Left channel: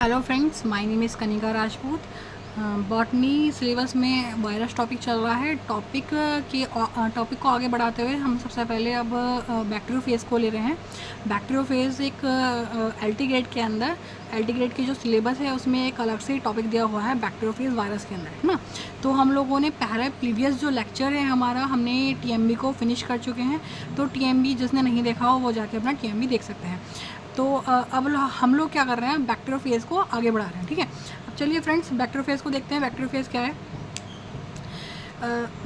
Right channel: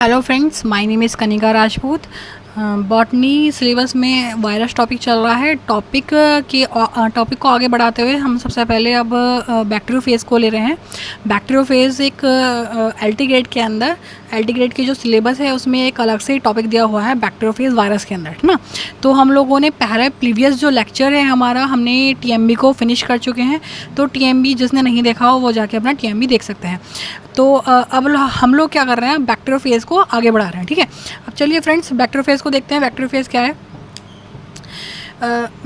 Hello friends, my name is Kanika Rajput. Botany syllabus में virus topic चल रहा है। टॉपिक को आगे बढ़ाते हुए हम सबसे पहले अब बैक्टीरियोफेज को ले रहे हैं। बैक्टीरियोफेज एक एल टी ग्रेड की जो सिलेबस है उसमें एक अलग से टॉपिक दिया हुआ है बैक्टीरियोफेज वायरस के अंदर, है ना। तो हम लोगों ने पहले प्रीवियस जो लेक्चर है हमारा, हमने टीएमबी को फिनिश कर चुके हैं। तो टीएमबी जिसने नहीं देखा हो वो जाके अपना टीएमबी देख सकते हैं। तो अब हम लोग क्या कर रहे हैं, बैक्टीरियोफेज को आगे बढ़ा रहे हैं, ठीक है। अब चलिए फ्रेंड्स, बैक्टीरियोफेज को देखते हैं। बैक्टीरियोफेज क्या है?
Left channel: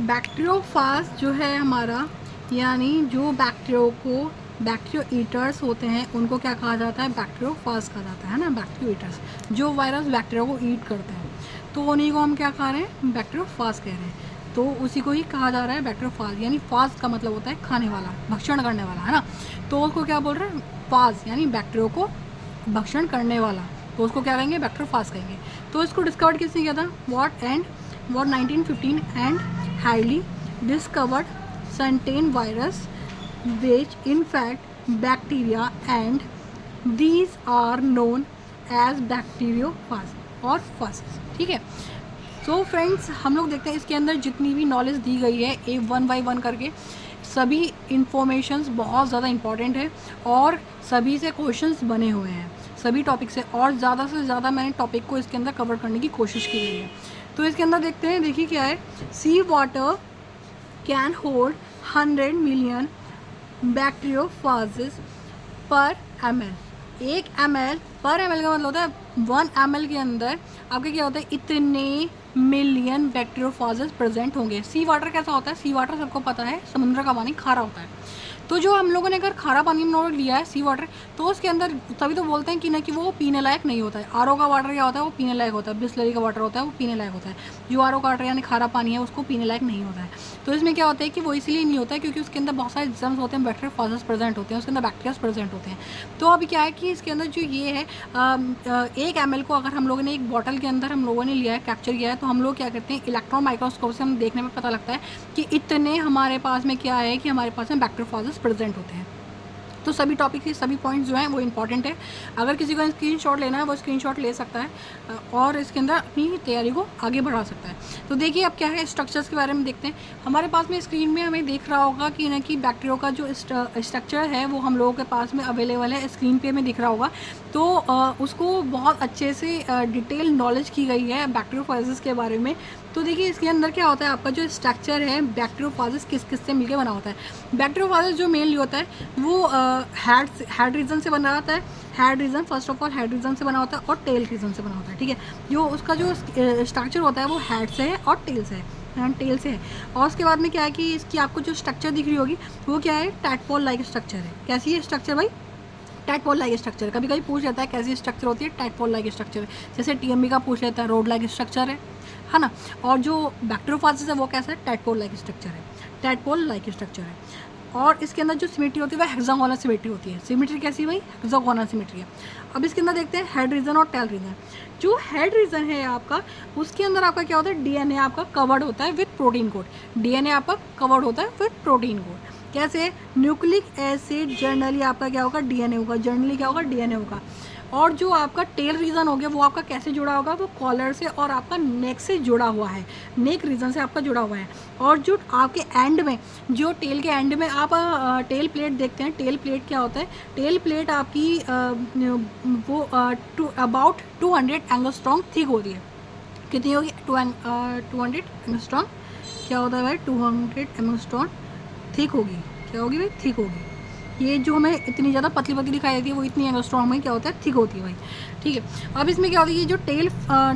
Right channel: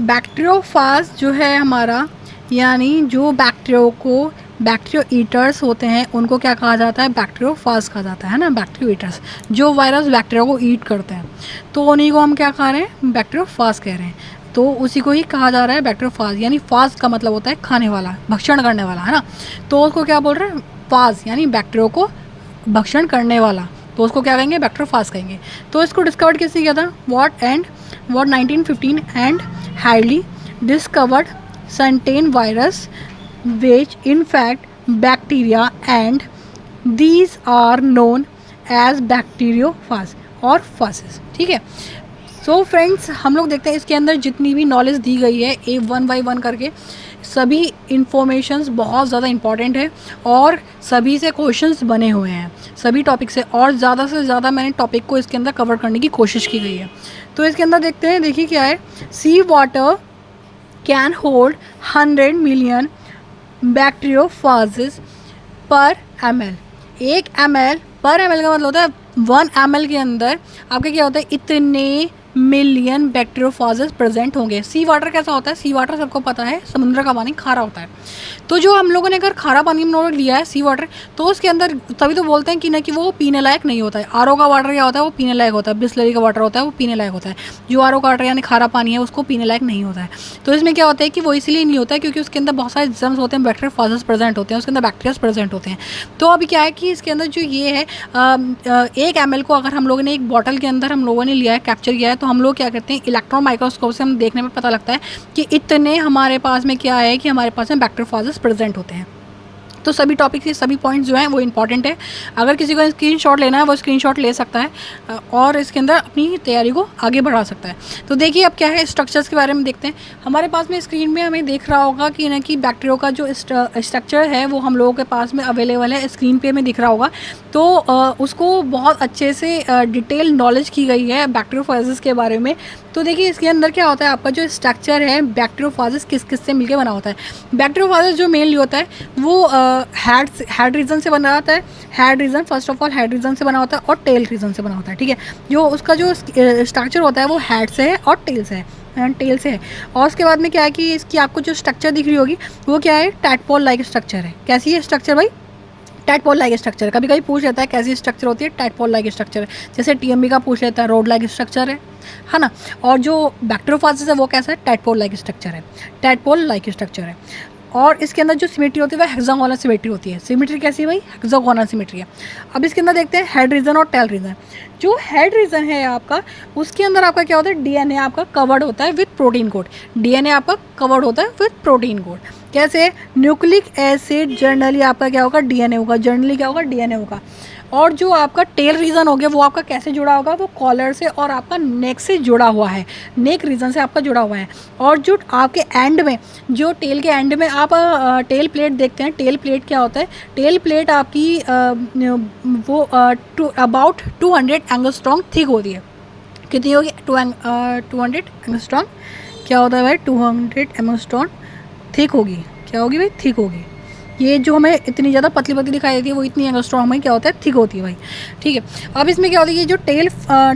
बैक्टीरियोफाज जो है हमारा, यानी जो बैक्टीरियो ईटर्स होते हैं उनको क्या कहा जाता है? बैक्टीरियोफाज कहा जाता है ना। बैक्टीरियो ईटर्स जो वायरस बैक्टीरिया को ईट करते हैं, तो उन्हीं को हम क्या कह रहे हैं? बैक्टीरियोफाज कह रहे हैं। तो उसी को ही कहा जा रहा है बैक्टीरियोफाज, यानी फाज का मतलब होता है खाने वाला, भक्षण करने वाला, है ना। तो उसको क्या बोल रहे हैं? फाज, यानी बैक्टीरियो को भक्षण करने वाला। तो उसको क्या कहेंगे? बैक्टीरियोफाज कहेंगे। तो इसको डिस्कवर किसने किया था? What 1915 and highly discovered certain virus which infect bacteria and these are known as bacteriophage और phages, ठीक है। सो फ्रेंड्स, हम लोग देखते हैं इसके अंदर जितनी भी नॉलेज दी गई है ए वन बाई वन करके, सभी इंफॉर्मेशंस बहुत ज़्यादा इंपॉर्टेंट है और सभी से क्वेश्चंस बने हुए हैं, सभी टॉपिक से। और ज़्यादा से ज़्यादा मैंने टॉपिक को इसके अंदर कवर करने की कोशिश की गई है। तो इसके अंदर देखते हैं, देखिए क्या है। सी वाटर कैन होल्ड 100 मिलियन बैक्टीरियोफाजेस पर ml। 1 ml पर ml का मतलब होता है 1 ml के अंदर आपके क्या होता है? इतने मिलियन बैक्टीरियोफाजेस प्रेजेंट होंगे। सी वाटर कैसा होता है? सी वाटर सबको पता है, समुद्र का पानी खारा होता है। तो जो हम लोगों ने अगर खारा पानी हम लोगों ने लिया है सी वाटर, तो उसके अंदर तभी तो बोलते हैं कि ना कि वो पीने लायक नहीं होता है। आरओ का वाटर क्या होता है? वो पीने लायक होता है। बिस्लरी का वाटर होता है वो पीने लायक होता है। जो आरओ का वाटर यानी खारा पानी है उसको पीने लायक नहीं होता है। तो इसमें क्या होता है कि वो इसलिए नहीं होता है क्योंकि उसके अंदर बहुत सारे जर्म्स होते हैं, बैक्टीरियोफाजेस प्रेजेंट होते हैं, उसके अंदर बैक्टीरियाज प्रेजेंट होते हैं। तो अभी क्या है कि इसके अंदर जो ये है 1 ml को अगर हम लोगों ने एक बॉटल के अंदर हम लोगों ने लिया है, कैप्चर किया है, तो हम लोग क्या करते हैं? इलेक्ट्रॉन माइक्रोस्कोप से हम देखने में पता लगता है कि इतने हमारे पास में क्या है कि हमारे पास में बैक्टीरियोफाजेस प्रेजेंट होते हैं। तो सभी टॉपिक के सभी पॉइंट्स जो हैं वो इंपॉर्टेंट है। अगर किसी को स्क्रीनशॉट लेना है वो स्क्रीनशॉट ले सकता है और इसके अंदर अपनी तैयारी को आगे बढ़ा सकता है। तो देखिए अब क्या है, स्ट्रक्चर्स के बारे में देखते हैं। हमारे पास में स्क्रीन में हमें देख रहा होगा कि ना कि बैक्टीरियो का जो स्ट्रक्चर है वो हम लोगों के पास में अवेलेबल है, स्क्रीन पे हमें दिख रहा होगा। तो उसको बहुत अच्छे से डिटेल नॉलेज की गई है बैक्टीरियोफाजेस के बारे में। तो देखिए इसके अंदर क्या होता है, आपका जो स्ट्रक्चर है बैक्टीरियोफाजेस किस किस से मिलकर बना होता है। बैक्टीरियोफाजेस जो मेनली होता है वो हेड रीजन से बना होता है। Head region, first of all head region से बना होता है और टेल रीजन से बना होता है, ठीक है। जो उसका जो स्ट्रक्चर होता है वो हेड से है और टेल से है, टेल से है। और उसके बाद में क्या है कि इसकी आपको जो स्ट्रक्चर दिख रही होगी वो क्या है? टैडपोल लाइक स्ट्रक्चर है। कैसी है स्ट्रक्चर भाई? Tadpole like structure. कभी कभी पूछ लेता है कैसी स्ट्रक्चर होती है? टैडपोल लाइक स्ट्रक्चर है। जैसे टीएमबी का पूछ लेता है, रोड लाइक स्ट्रक्चर है ना। और जो बैक्टीरियोफाजेस है वो कैसा है? टैडपोल लाइक स्ट्रक्चर है, टैडपोल लाइक स्ट्रक्चर है। और इसके अंदर जो सिमेट्री होती है वह हेक्सागोनल सिमेट्री होती है। सिमेट्री कैसी है भाई? हेक्सागोनल सिमेट्री है। अब इसके अंदर देखते हैं हेड रीजन और टेल रीजन। जो हेड रीजन है आपका, उसके अंदर आपका क्या होता है? डीएनए आपका कवर्ड होता है विथ प्रोटीन कोड। डीएनए आपका कवर्ड होता है विथ प्रोटीन कोड। कैसे? न्यूक्लिक एसिड जर्नली आपका क्या होगा? डीएनए होगा। जर्नली क्या होगा? डीएनए होगा। और जो आपका टेल रीजन हो गया वो आपका कैसे जुड़ा होगा? वो कॉलर से और आपका नेक से जुड़ा हुआ है, नेक रीजन से आपका जुड़ा हुआ है। और जो आपके एंड में, जो टेल के एंड में आप टेल प्लेट देखते हैं। टेल प्लेट क्या होता है? टेल प्लेट आपकी वो अबाउट 200 एंगस्ट्रॉन्ग थिक होती है। कितनी होगी? 200 एंगस्ट्रॉन्ग। क्या होता है भाई? 200 एंगस्ट्रॉन्ग थिक होगी। क्या होगी भाई? थिक होगी। ये जो हमें इतनी ज़्यादा पतली पतली दिखाई देती है वो इतनी एंगस्ट्रॉम हमें क्या होता है? थिक होती है भाई, ठीक है। अब इसमें क्या होता है? ये जो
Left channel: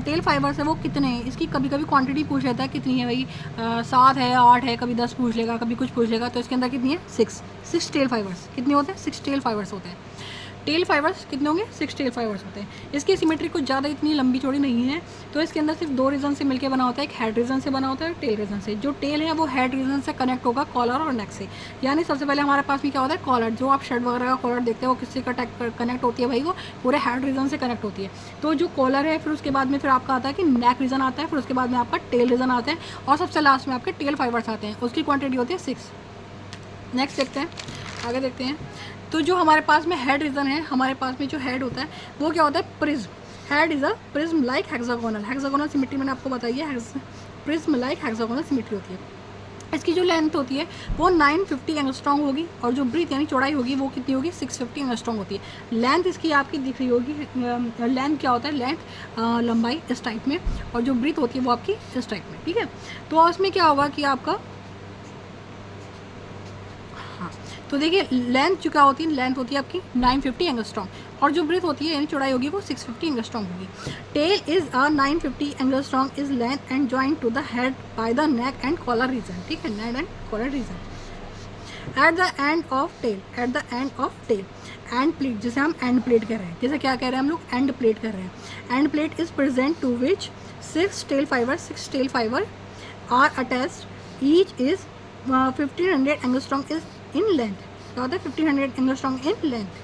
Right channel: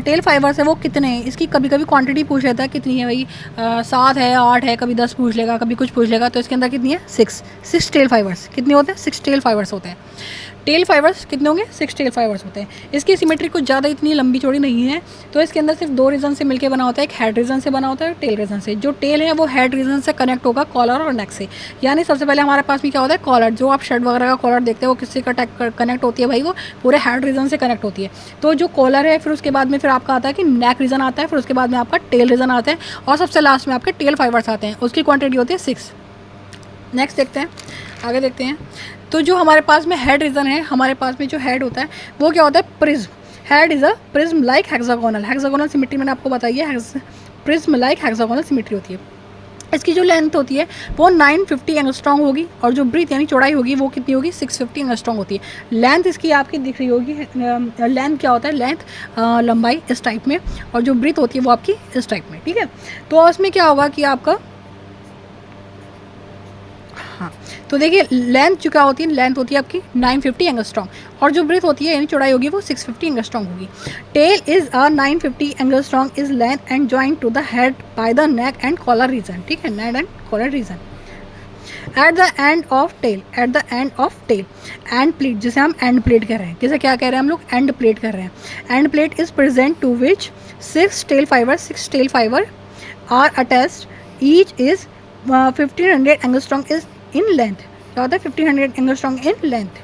टेल फाइबर्स है वो कितने हैं? इसकी कभी कभी क्वांटिटी पूछ लेता है कितनी है भाई? 7 है, 8 है, कभी 10 पूछ लेगा, कभी कुछ पूछ लेगा। तो इसके अंदर कितनी है? 6 टेल फाइबर्स। कितने होते हैं? 6 टेल फाइबर्स होते हैं। टेल फाइबर्स कितने होंगे? 6 टेल फाइबर्स होते हैं। इसकी सिमेट्री कुछ ज़्यादा इतनी लंबी चौड़ी नहीं है। तो इसके अंदर सिर्फ 2 रीजन से मिलकर बना होता है, एक हेड रीजन से बना होता है, टेल रीजन से। जो टेल है वो हेड रीजन से कनेक्ट होगा कॉलर और नेक से। यानी सबसे पहले हमारे पास में क्या होता है? कॉलर। जो आप शर्ट वगैरह का कॉलर देखते हैं वो किससे कनेक्ट होती है भाई? वो पूरे हेड रीजन से कनेक्ट होती है। तो जो कॉलर है फिर उसके बाद में फिर आपका आता है कि नेक रीजन आता है, फिर उसके बाद में आपका टेल रीजन आता है और सबसे लास्ट में आपके टेल फाइबर्स आते हैं। उसकी क्वांटिटी होती है 6। नेक्स्ट देखते हैं, आगे देखते हैं। तो जो हमारे पास में हेड रीजन है, हमारे पास में जो हेड होता है वो क्या होता है? Prism. Head is a prism like hexagonal, hexagonal symmetry मैंने आपको बताई है, प्रिज्म लाइक हेक्सागोनल सिमेट्री होती है। इसकी जो लेंथ होती है वो 950 एंगस्ट्रॉन्ग होगी और जो ब्रीथ यानी चौड़ाई होगी वो कितनी होगी 650 एंगस्ट्रॉन्ग होती है। लेंथ इसकी आपकी दिख रही होगी, लेंथ क्या होता है, लेंथ लंबाई इस टाइप में, और जो ब्रीथ होती है वो आपकी इस टाइप में, ठीक है। तो इसमें क्या होगा कि आपका, हाँ, तो देखिए लेंथ जो क्या होती है, लेंथ होती है आपकी 950 एंगस्ट्रॉन्ग और जो ब्रीथ होती है यानी चौड़ाई होगी वो 650 एंगस्ट्रॉन्ग होगी। Tail is a 950 angstrom is length and joint to the head by the neck and collar region, ठीक है, neck and collar region. At the end of tail, at the end of tail end plate, जिसे हम end plate कह रहे हैं, किसे क्या कह रहे हैं हम लोग, एंड प्लेट कर रहे हैं। End plate is present to which 6 tail fibre are attached, each is 1500 angstrom is in length, क्या होता है 1500 एंगस्ट्रॉन्ग इन लेंथ।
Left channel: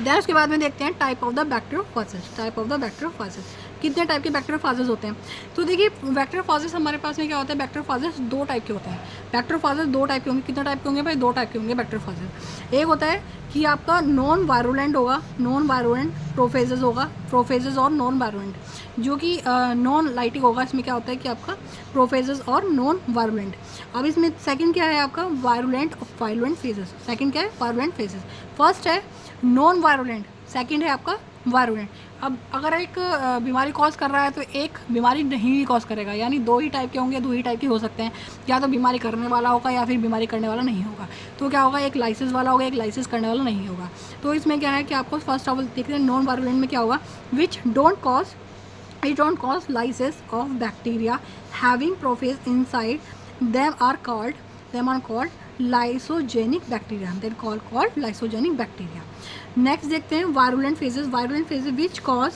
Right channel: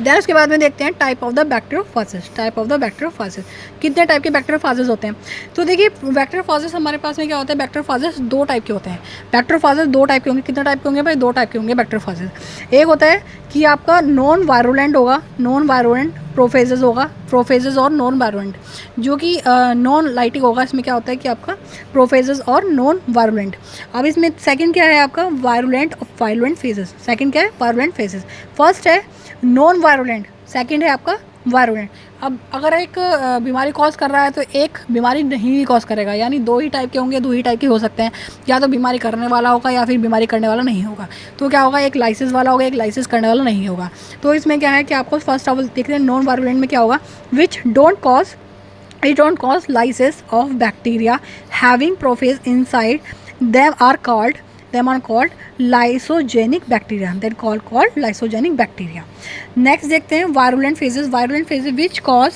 देन उसके बाद में देखते हैं type of the bacteriophages, type of the bacteriophages, कितने टाइप के बैक्टीरियोफाजेस होते हैं। तो देखिए बैक्टीरियोफाजेस हमारे पास में क्या होता है, बैक्टीरियोफाजेस दो टाइप के होते हैं। बैक्टीरियोफाजेस दो टाइप के होंगे, कितने टाइप के होंगे भाई, दो टाइप के होंगे बैक्टीरियोफाजेस। एक होता है कि आपका नॉन वायरुलेंट होगा, नॉन वायरुलेंट प्रोफेजेस होगा, प्रोफेजेस और नॉन वायरुलेंट, जो कि नॉन लाइटिक होगा। इसमें क्या होता है कि आपका प्रोफेजेस और नॉन वायरुलेंट। अब इसमें सेकंड क्या है आपका, वायरुलेंट और वायरुलेंट फेजेस। सेकंड क्या है, वायरुलेंट फेजेस। फर्स्ट है नॉन वायरुलेंट, सेकंड है आपका वायरुलेंट। अब अगर एक बीमारी कॉज कर रहा है तो एक बीमारी नहीं भी कॉज करेगा, यानी दो ही टाइप के होंगे, दो ही टाइप के हो सकते हैं, या तो बीमारी करने वाला होगा या फिर बीमारी करने वाला नहीं होगा। तो क्या होगा, एक लाइसिस वाला होगा, एक लाइसिस करने वाला नहीं होगा। तो इसमें क्या है कि आपको फर्स्ट ऑफ ऑल देखते हैं नॉन वायरुलेंट में क्या होगा, which don't cause, it don't cause lysis of bacteria having prophase inside them are called lysogenic bacteria, then called lysogenic bacteria. Next देखते हैं virulent phases, virulent phases which cause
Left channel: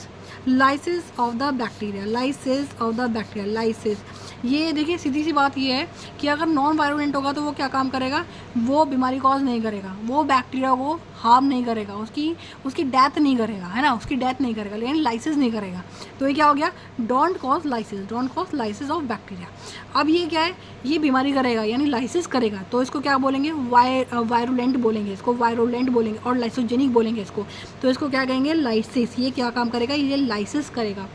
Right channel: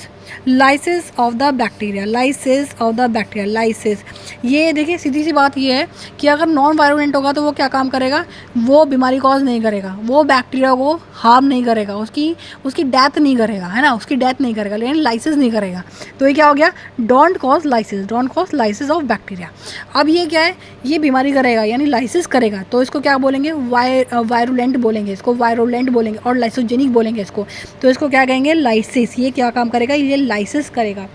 lysis of the bacteria, lysis of the bacteria, lysis. ये देखिए सीधी सी बात ये है कि अगर non virulent होगा तो वो क्या काम करेगा, वो बीमारी कॉज नहीं करेगा, वो बैक्टीरिया को हार्म नहीं करेगा, उसकी डेथ नहीं करेगा, है ना, उसकी डेथ नहीं करेगा, लेकिन लाइसिस नहीं करेगा। तो ये क्या हो गया, don't cause lysis, don't cause lysis of bacteria. अब ये क्या है, ये बीमारी करेगा यानी लाइसिस करेगा, तो इसको क्या बोलेंगे, वायरुलेंट बोलेंगे, इसको वायरुलेंट बोलेंगे, और लाइसोजेनिक बोलेंगे इसको। तो इसको क्या कहेंगे, लाइसिस। ये क्या काम करेगा, ये लाइसिस करेगा,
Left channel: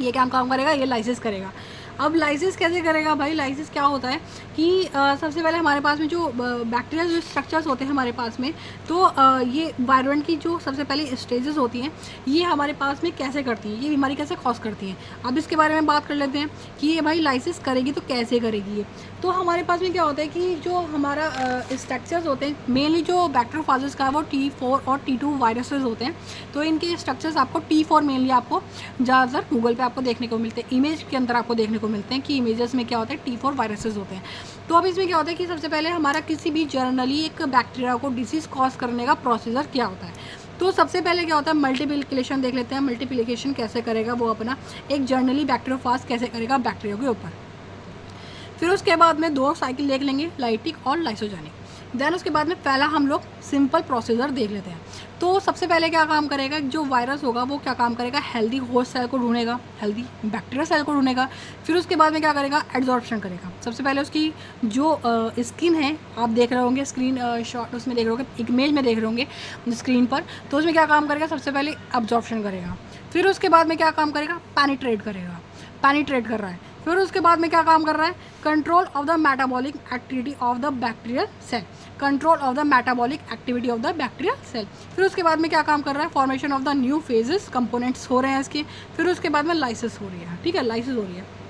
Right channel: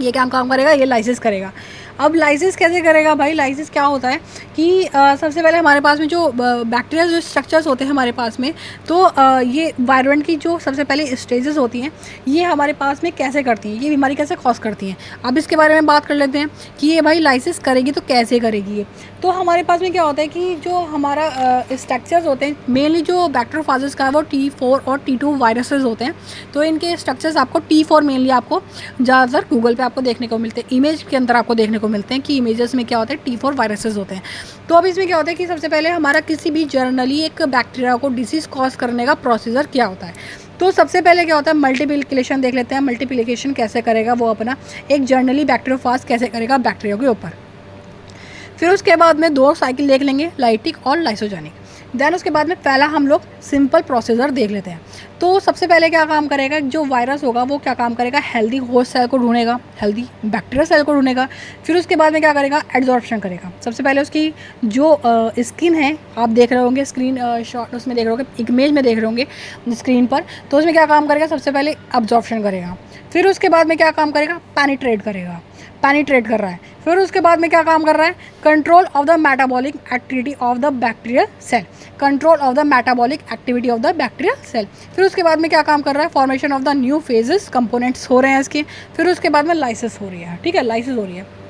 ये क्या काम करेगा, ये लाइसिस करेगा। अब लाइसिस कैसे करेगा भाई, लाइसिस क्या होता है कि सबसे पहले हमारे पास में जो बैक्टीरिया जो स्ट्रक्चर्स होते हैं हमारे पास में, तो ये वायरुलेंट की जो सबसे पहले स्टेजेस होती हैं ये हमारे पास में कैसे करती हैं, ये बीमारी कैसे कॉज करती हैं। अब इसके बारे में बात कर लेते हैं कि ये भाई लाइसिस करेगी तो कैसे करेगी ये। तो हमारे पास में क्या होता है कि जो हमारा स्ट्रक्चर्स होते हैं, मेनली जो बैक्टीरियोफाजेस का है वो T4 और T2 वायरसेस होते हैं। तो इनके स्ट्रक्चर्स आपको T4 मेनली आपको ज़्यादातर गूगल पे आपको देखने को मिलते हैं, इमेज के अंदर आपको देखने को मिलते हैं कि इमेजेस में क्या होता है, T4 वायरसेस होते हैं। तो अब इसमें क्या होता है कि सबसे पहले हमारा किसी भी जर्नली एक बैक्टीरिया को डिसीज़ कॉज करने का प्रोसीजर क्या होता है। तो सबसे पहले क्या होता है, मल्टीप्लिकेशन देख लेते हैं। मल्टीप्लिकेशन कैसे करेगा वो अपना एक जर्नली बैक्टीरियोफाज कैसे करेगा बैक्टीरिया के ऊपर। फिर उसके बाद में दो साइकिल देख लेंगे, लाइटिक और लाइसोजेनिक। देन उसके बाद में पहला हम लोग सिंपल प्रोसीजर देख लेते हैं। तो सबसे पहले क्या काम करेगा, जो वायरस होगा वो क्या काम करेगा, हेल्दी होस्ट सेल को ढूंढेगा, हेल्दी बैक्टीरिया सेल को ढूंढेगा। फिर उसके बाद में क्या करेगा, एड्जॉर्प्शन करेगा। सबसे पहले उसकी जो स्किन है, आप देख रहे होंगे स्क्रीन शॉट उसमें देख रहे होंगे, इमेज में देख रहे होंगे स्क्रीन पर, तो उसमें क्या काम करेगा, सबसे पहले एब्जॉर्प्शन करेगा। फिर उसके बाद में क्या काम करेगा, पेनिट्रेट करेगा, पेनिट्रेट कर रहा है। फिर उसके बाद में क्या काम कर रहा है, control of the metabolic activity of the bacterial cell, control of the metabolic activity of the bacterial cell. फिर उसके बाद में क्या काम कर रहा है, formation of the new phages, components हो रहे हैं इसके। फिर उसके बाद में लाइसिस हो रही है, ठीक है, लाइसिस हो रही है।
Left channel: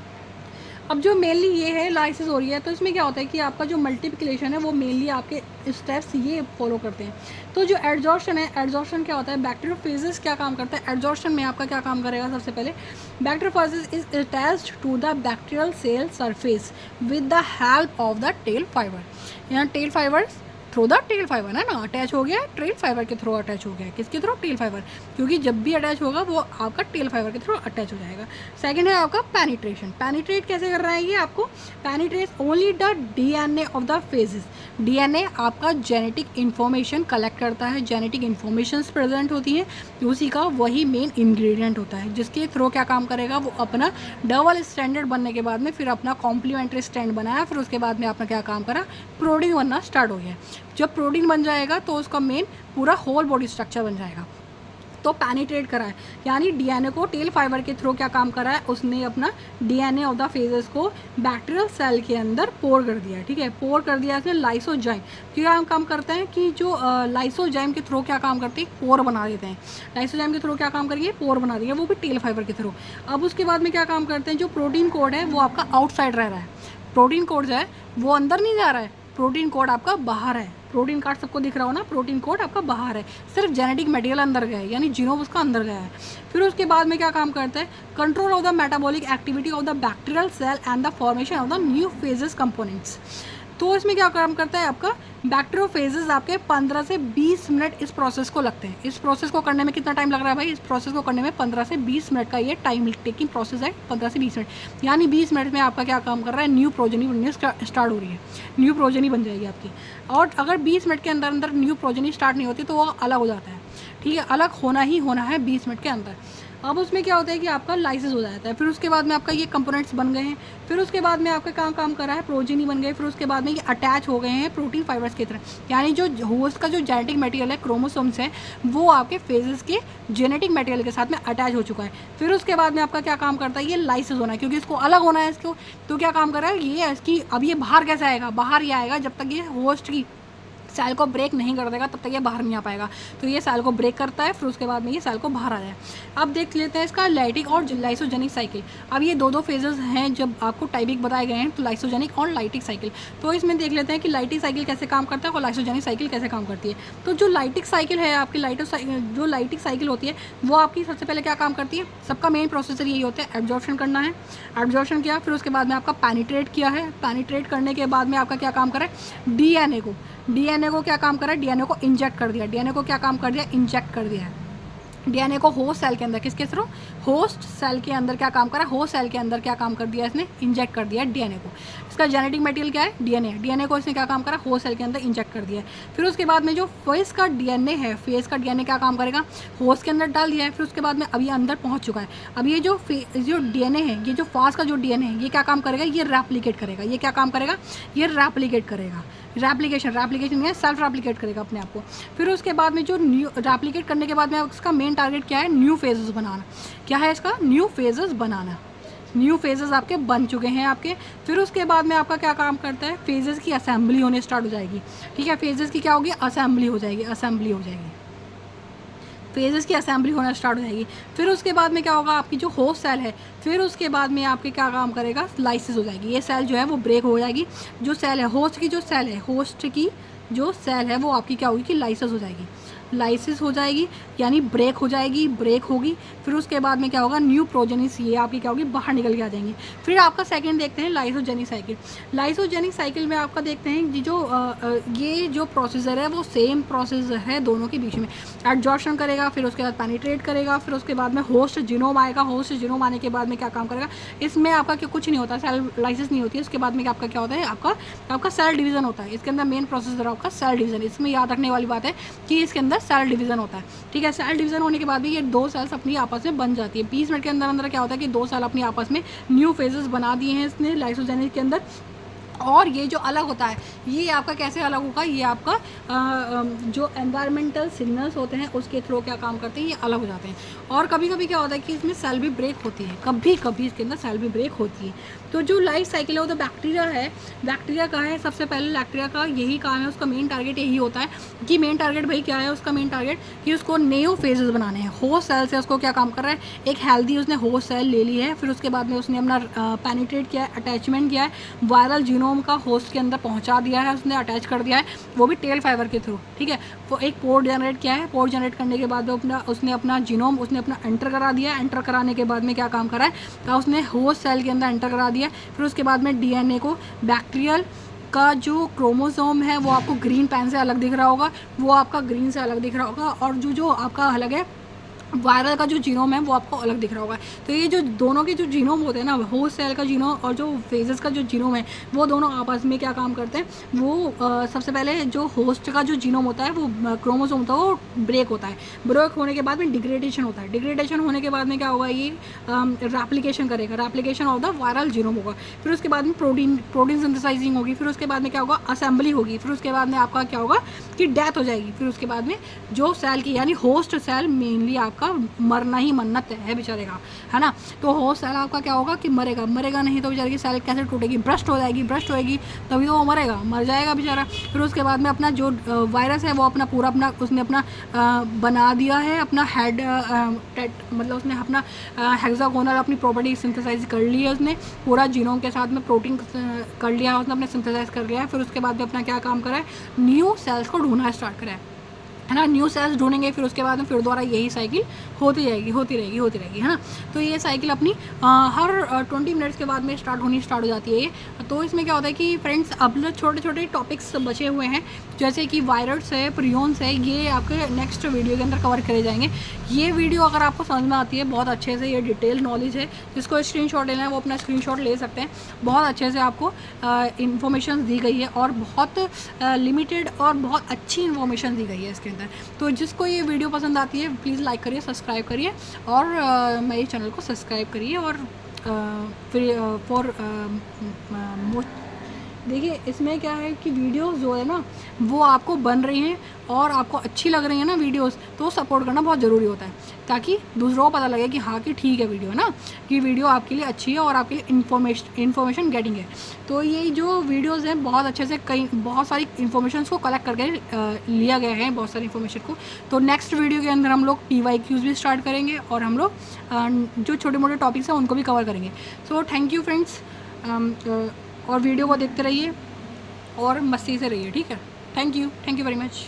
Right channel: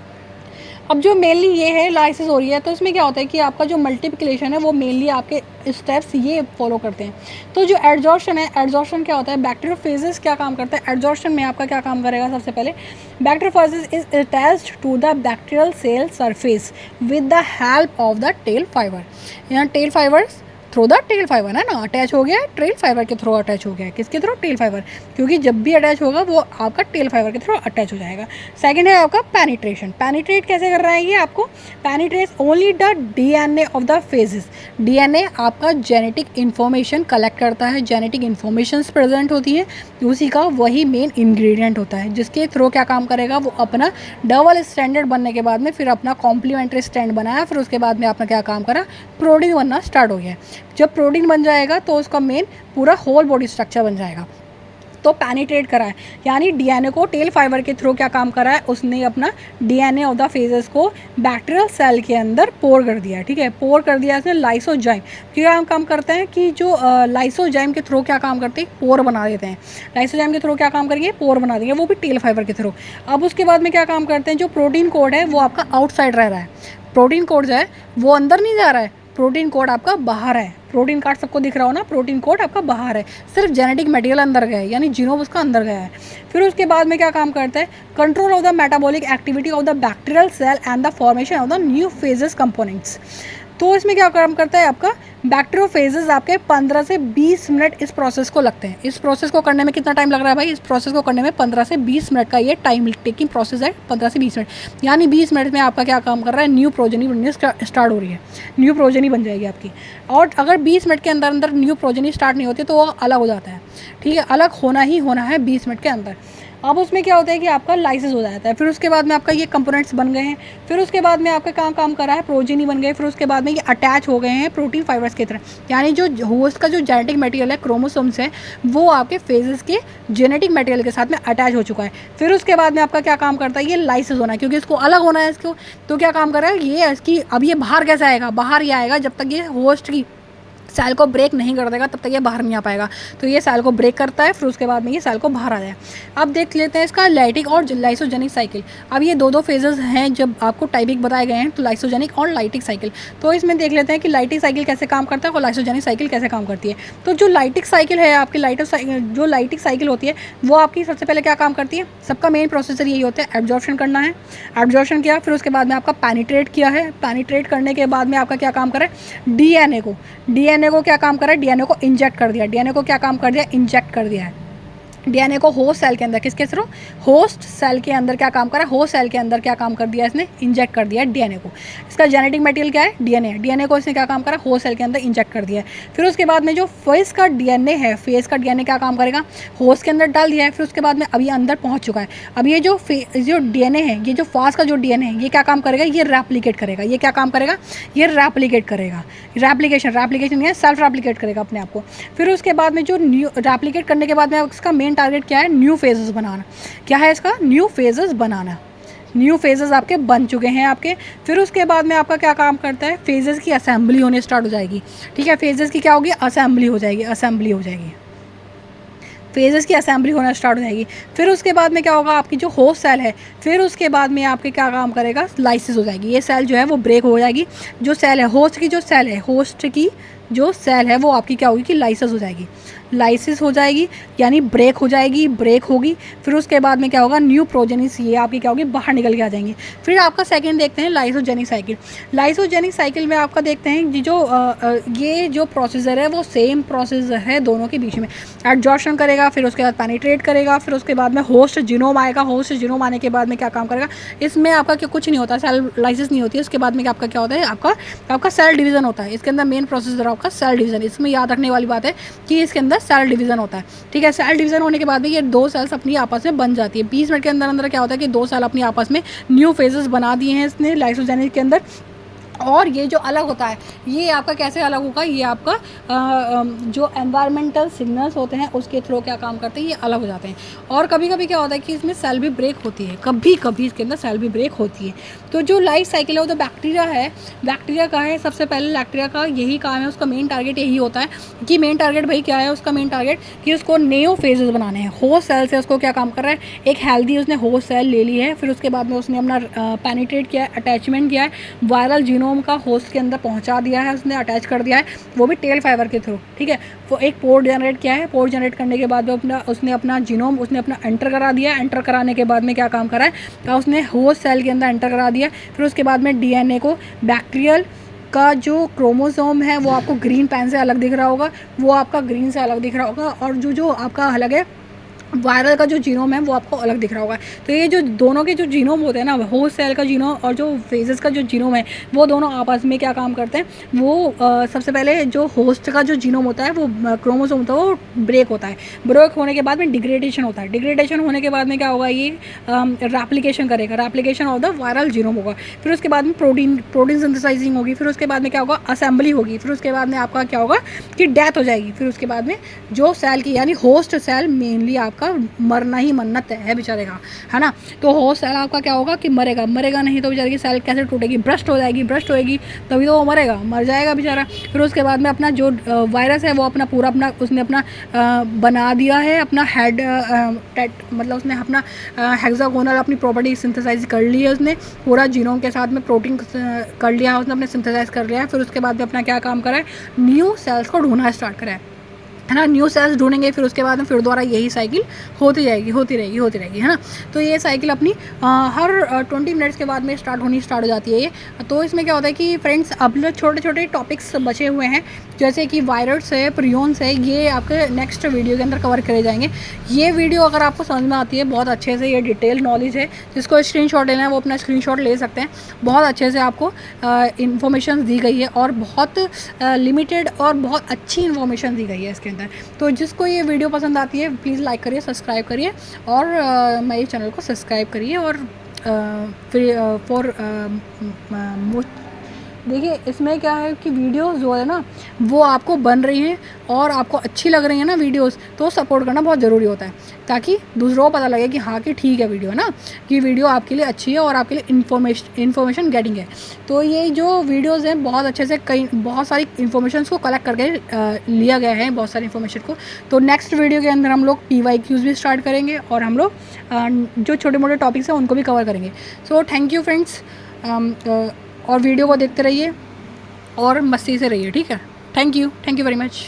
अब जो मेनली ये है लाइसिस हो रही है, तो इसमें क्या होता है कि आपका जो मल्टीप्लिकेशन है वो मेनली आपके स्टेप्स ये फॉलो करते हैं। तो जो एड्जॉर्प्शन है, एड्जॉर्प्शन क्या होता है, बैक्टीरियोफेजेस क्या काम करता है, एड्जॉर्प्शन में आपका क्या काम करेगा, सबसे पहले bacteriophages is attached to the bacterial cell surface with the help of the tail fibre. यहाँ tail fibres through the tail fibre है ना, अटैच हो गया, टेल फाइबर के थ्रू अटैच हो गया, किसके थ्रू, टेल फाइबर, क्योंकि जब भी अटैच होगा वो आपका टेल फाइबर के थ्रू अटैच हो जाएगा। सेकंड है आपका पेनिट्रेशन। पेनिट्रेट कैसे कर रहा है ये आपको, penetrate only the DNA of the phases. DNA आपका जेनेटिक इन्फॉर्मेशन कलेक्ट करता है, जेनेटिक इन्फॉर्मेशन प्रेजेंट होती है, उसी का वही मेन इंग्रेडिएंट होता है, जिसके थ्रू क्या काम करेगा, वो अपना डबल स्टैंडर्ड बनने के बाद में फिर अपना कॉम्प्लीमेंट्री स्टैंड बनाया। फिर उसके बाद में आपने क्या काम करा, प्रोटीन बनना स्टार्ट हो गया। जब प्रोटीन बन जाएगा तो उसका मेन पूरा होल बॉडी स्ट्रक्चर बन जाएगा। तो पैनिट्रेट करा है, यानी डीएनए को टेल फाइबर के थ्रू क्या काम करा है, उसने अपना डीएनए ऑफ द फेजेस को बैक्टीरियल सेल के अंदर पोर कर दिया है। ठीक है, पोर कर दिया इसने लाइसोजाइम। क्या काम करते हैं कि जो लाइसोजाइम के थ्रू क्या काम करते हैं, पोर बना देते हैं। लाइसोजाइम के थ्रू क्या काम करेंगे, पोर बना देंगे, वो भी टेल फाइबर के थ्रू। अब उसके बाद में क्या काम करते हैं, जो प्रोटीन कोड है वो आपका आउटसाइड रह रहा है, प्रोटीन कोड जो है वो अंदर नहीं जा रहा है, प्रोटीन कोड आपका बाहर है। प्रोटीन कार्ड सबको दिख रहा हो ना, प्रोटीन कोड आपका बाहर है, सिर्फ जेनेटिक मटेरियल अंदर गया है, यानी जीनोम उसका अंदर गया है। फिर उसके बाद में क्या काम करता है, control of the metabolic activity of the bacterial cell and the formation of the new phages components. तो इसमें क्या काम करता है आपका, बैक्टीरियोफेजेस आपके 15 से 20 मिनट इस प्रोसेस को लगते हैं। इस प्रोसेस को करने में कितना टाइम लग रहा है भाई, इस प्रोसेस को करने में 15 से 20 मिनट का ये टाइम टेकिंग प्रोसेस है, 15 से 20 मिनट, यानी 20 मिनट में आपका क्या काम कर रहा है, न्यू प्रोजेनी बनने स्टार्ट हो रही है, न्यू प्रोजेनी बन जाएगी आपकी। और अगर 20 मिनट के अंदर अंदर न्यू प्रोजेनी स्टार्ट नहीं होती तो वो अलग हो जाता है। ठीक है, अलग होना ही होना है 20 मिनट के अंदर। अब उसमें क्या होता है कि आपका लाइसिस हो जाता है, फिर उसके बाद में आपका ये कंपोनेंट्स बन गए हैं, फिर उसके बाद में आपका काम कर रहा है, प्रोजीनी बन गए, फिर उसके बाद में ये अटैच हो गए हैं प्रोटीन फाइबर्स की तरह, यानी जो होस्ट का जो जेनेटिक मटेरियल है, क्रोमोसोम्स है, वो आपके फेजेस के जेनेटिक मटेरियल के साथ में अटैच हो चुका है। फिर उसके बाद में आपका क्या काम करता है, ये लाइसिस होना है, क्योंकि इसको अलग होना है इसको, तो क्या काम कर रहा है ये, इसकी अब ये बाहर कैसे आएगा, बाहर ये आएगा जब तक ये होस्ट की सेल को ब्रेक नहीं कर देगा तब तक ये बाहर नहीं आ पाएगा। तो ये सेल को ब्रेक करता है, फिर उसके बाद में ये सेल को बाहर आ जाए। अब देख लेते हैं इसका लाइटिक और लाइसोजेनिक साइकिल। अब ये दो फेजेस हैं जब आपको टाइपिक बताए गए हैं, तो लाइसोजेनिक और लाइटिक साइकिल। तो इसमें देख लेते हैं कि लाइटिक साइकिल कैसे काम करता है और लाइसोजेनिक साइकिल कैसे काम करती है। तो जो लाइटिक साइकिल है आपकी, जो लाइटिक साइकिल होती है वो आपकी सबसे पहले क्या काम करती है, सबका मेन प्रोसेसर यही होता है, एब्जॉर्प्शन करना है। एब्जॉर्प्शन किया, फिर उसके बाद में आपका पैनिट्रेट किया है, पैनिट्रेट करने के बाद में आपका क्या काम करे, डीएनए को क्या काम कर रहा है, डीएनए को इंजेक्ट कर दिया, डीएनए को क्या काम कर दिया, इंजेक्ट कर दिया है। डीएनए को होस्ट सेल के अंदर, किसके थ्रू, होस्ट सेल के अंदर क्या काम करा, होस्ट सेल के अंदर क्या काम कर दिया इसने, इंजेक्ट कर दिया डीएनए को। इसका जेनेटिक मटेरियल क्या है, डीएनए, डीएनए को इसने क्या काम करा, होस्ट सेल के अंदर इंजेक्ट कर दिया है। फिर उसके बाद में जो फेस का डीएनए है, फेस का डीएनए क्या काम करेगा, होस्ट के अंदर डाल दिया है। फिर उसके बाद में अभी अंदर पहुँच चुका है। अब ये जो डीएनए है, ये जो फास्ट का जो डीएनए है, ये क्या काम करेगा, ये रेप्लिकेट करेगा। ये क्या काम करेगा, ये रेप्लिकेट करेगा, रेप्लिकेशन नहीं है, सेल्फ रेप्लिकेट करेगा अपने आप को। फिर उसके बाद में जो न्यू रेप्लिकेट करने के बाद में इसका मेन टारगेट क्या है, न्यू फेजेस बनाना। क्या है इसका, न्यू फेजेस बनाना। न्यू फेजेस आपके बन चुके हैं आपके। फिर उसके बाद में आपका क्या काम करता है, फेजेस की असेंबली होने स्टार्ट हो जाएगी। ठीक है, फेजेस की क्या होगी, असेंबली हो जाएगी, फेजेस की असेंबली होना स्टार्ट हो जाएगी। फिर उसके बाद में क्या होगा, आपकी जो होस्ट सेल है, फिर उसके बाद में आपके क्या काम करेगा, लाइसिस हो जाएगी। ये सेल जो है वो ब्रेक हो जाएगी। जो सेल है, होस्ट की जो सेल है, होस्ट की जो सेल है वो आपकी क्या होगी कि लाइसिस हो जाएगी, लाइसिस हो जाएगी, यानी ब्रेक हो जाएगी, ब्रेक होगी। फिर उसके बाद में क्या होगा, न्यू प्रोजेनिस, ये आपकी क्या होगी, बाहर निकल के आ जाएंगी। फिर आपका सेकंड देखते हैं लाइसोजेनिक साइकिल। लाइसोजेनिक साइकिल में आपका देखते हैं ये जो प्रोसीजर है वो सेम प्रोसेस है दोनों के बीच में। एडजॉर्प्शन करेगा, फिर उसके बाद पेनिट्रेट करेगा, फिर उसके बाद में होस्ट जीनोम आएगा। होस्ट जीनोम आने के बाद में क्या काम करेगा, इसमें आपका कुछ नहीं होता, सेल लाइसिस नहीं होती है। उसके बाद में आपका क्या होता है, आपका सेल डिवीज़न होता है। इसके अंदर मेन प्रोसेसर आपका सेल डिवीज़न। इसमें याद रखने वाली बात है कि इसके अंदर सेल डिवीज़न होता है। ठीक है, सेल डिवीज़न होने के बाद में ये दो सेल्स अपनी आपस में बन जाती है। 20 मिनट के अंदर अंदर क्या होता है कि दो सेल अपनी आपस में न्यू फेजेस बना दिए हैं इसने लाइसोजेनिक के अंदर। और ये जो अलग होता है, ये आपका कैसे अलग होगा, ये आपका जो एनवायरमेंटल सिग्नल्स होते हैं उसके थ्रू क्या काम करते हैं, ये अलग हो जाते हैं। और कभी कभी क्या होता है कि इसमें सेल भी ब्रेक होती है, कभी कभी इसके अंदर सेल भी ब्रेक होती है। तो जो लाइफ साइकिल है वो तो बैक्टीरिया है, बैक्टीरिया का है। सबसे पहले बैक्टीरिया का यही काम है, उसका मेन टारगेट यही होता है कि मेन टारगेट भाई क्या है, उसका मेन टारगेट कि उसको न्यू फेजेस बनाने हैं। होस्ट सेल से उसको क्या काम कर रहा है, एक हेल्दी उसने होस्ट सेल ले ली है, फिर उसके बाद में उसने अपना पेनिट्रेट किया है, अटैचमेंट किया है, वायरल जीनोम का होस्ट के अंदर पहुंचा दिया है, उसने अटैच कर दिया है, वो भी टेल फाइबर के थ्रू। ठीक है, वो एक पोर्ट जनरेट किया है, पोर्ट जनरेट करने के बाद उसने अपना जीनोम उसने एंटर करा दिया। एंटर कराने के बाद में क्या काम करा है, उसने होस्ट सेल के अंदर एंटर करा दिया। फिर उसके बाद में डीएनए को, बैक्टीरियल का जो क्रोमोसोम है वो आपको ग्रीन पेन से अलग दिख रहा होगा, वो आपका ग्रीन से अलग दिख रहा होगा, और जो आपका अलग है वायरल का जो जीनोम है वो आपको अलग दिख रहा होगा। तो ये जो दोनों के जो जीनोम होते हैं ना, होस्ट सेल का जीनोम और जो फेजेस का जो जीनोम है, वो दोनों आपस में क्या काम करते हैं, वो सबसे पहले जो होस्ट का जो जीनोम होता है वो क्रोमोसोम होता है वो ब्रेक होता है। ब्रेक होने के बाद में डिग्रेडेशन होता है। डिग्रेडेशन होने के बाद में क्या होगा, ये रेप्लिकेशन करेगा। Replication of the viral genome होगा। फिर उसके बाद में प्रोटीन सिंथेसाइजिंग होगी। फिर उसके बाद में क्या होगा, असेंबली होगी। फिर उसके बाद में आपका क्या होगा कि डेथ हो जाएगी। फिर उसके बाद में जो सेल की यानी होस्ट सेल मेनली आपका मरना ही मरना तय है बेचारे का, है ना। तो होस्ट सेल आपका क्या होगा कि मरेगा नहीं तो बेचारे की सेल कैसे टूटेगी, ब्रस्ट होएगी तभी तो वो मरेगा, मर जाएगा बेचारा। फिर उसके बाद में अपना जो वायरस है वो अपना पूरा अपना उसने अपना बना दिया है अपना हेड मतलब उसने अपना हेक्सागोनल अपनी प्रॉपर्टी सिंथेसाइज कर ली है उसने, पूरा जीनोम के साथ में प्रोटीन कर लिया है उसने, अपने सिंथेसाइज कर लिया है। फिर उसके बाद में अपना क्या काम करा है, न्यू सेल्स को ढूंढना स्टार्ट करा है ना। न्यू सेल्स ढूंढेंगे, फिर उसके बाद में फिर दोबारा यही साइकिल होती रहेगी, है ना। तो ये साइकिल अपनी हर 20 मिनट्स के बाद में स्टार्ट हो जाती है ये। तो इसमें क्या होता है कि फ्रेंड्स अब छोटे छोटे टॉपिक्स बचे हुए हैं, जैसे कि वायरस है, प्रियोन्स है, ये आपके नेक्स्ट वीडियो के अंदर कवर करे जाएंगे। ये वीडियो अगर आपको समझ में आती है बहुत अच्छे से, ये डिटेल नॉलेज है, जिसको स्क्रीनशॉट लेना है वो अपना स्क्रीनशॉट ले सकते हैं। बहुत अच्छे से आपको इन्फॉर्मेशन दी गई है और बहुत लिमिटेड और बहुत अच्छी इन्फॉर्मेशन दी गई है इसके अंदर। तो जिसको ये वीडियो पसंद आती है प्लीज़ लाइक करिए, सब्सक्राइब करिए और मेरे चैनल को सब्सक्राइब करिए। और फिर फॉर देखिए इसमें क्या है कि वीडियोस जो है ना वो आपको बन रही हैं और आपको अच्छी लग रही है ना वीडियोस, तो सपोर्ट करना बहुत ज़रूरी होता है, ताकि दूसरों को पता लगे कि हाँ कि ठीक है वीडियो, है ना, कि वीडियो आपके लिए अच्छी है और आपके लिए इन्फॉर्मेशन गेटिंग है। तो ये जो वीडियोस हैं बहुत अच्छे से बहुत सारी इन्फॉर्मेशन को कलेक्ट करके लिया गया है, बहुत सारी इन्फॉर्मेशन को। तो नेक्स्ट वीडियो के अंदर हम लोग PYQs भी स्टार्ट करेंगे और हम लोग जो छोटे मोटे टॉपिक्स हैं उनको भी कवर करेंगे। सो थैंक यू फ्रेंड्स, और वीडियो को देखते रहिए और मस्ती से रहिए, ठीक है। Thank you very much.